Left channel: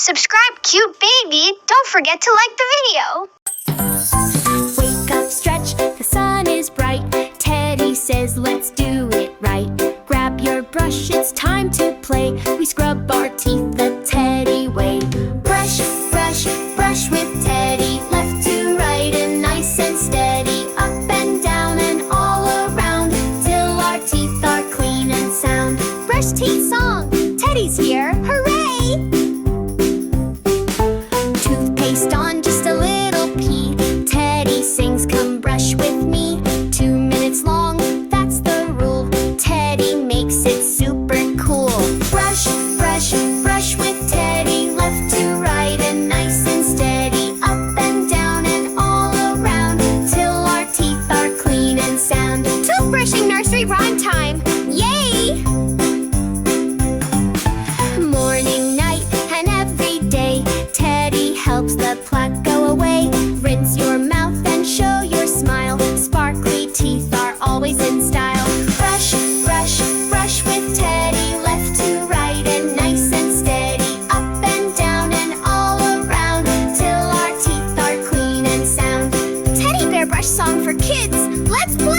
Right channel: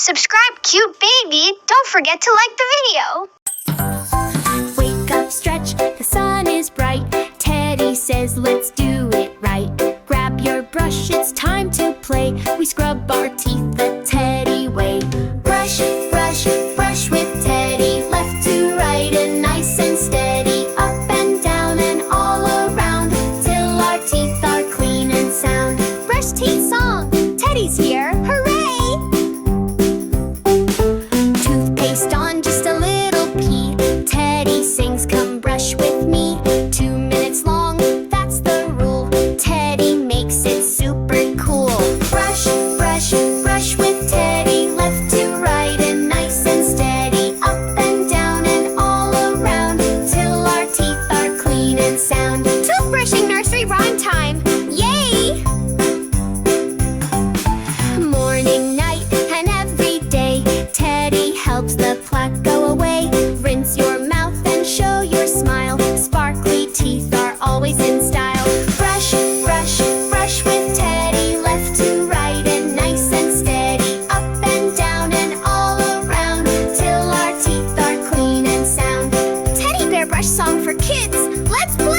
Subscribe, cute baby. Don't forget to like the video. Wake up, stretch, the sun is bright. Teddy says, let's do it right. Grab your brush, it's time to play. We scrub our teeth the Teddy way. Brush, brush, brush with Teddy. Left to right and nice and steady. Up and down and all around, till our teeth are clean and sound. Brush teeth song, Teddy's here, hooray! Toothpaste on, just a little pee. Teddy sings, come brush with me. 2 minutes long, that's the rule. Teddy makes it super cool. Brush, brush, brush with Teddy. Left to right and nice and steady. Up and down and all around, till our teeth are clean and sound. Toothbrushing nursery rhyme time, yay! Morning, night, and every day, Teddy helps the plaque go away. Rinse your mouth and show your smile. Sparkly teeth are always in style. Brush, brush, brush with Teddy. Left to right and nice and steady. Up and down and all around, till our teeth are clean and sound. Teddy bear brush song for kids. Let's play!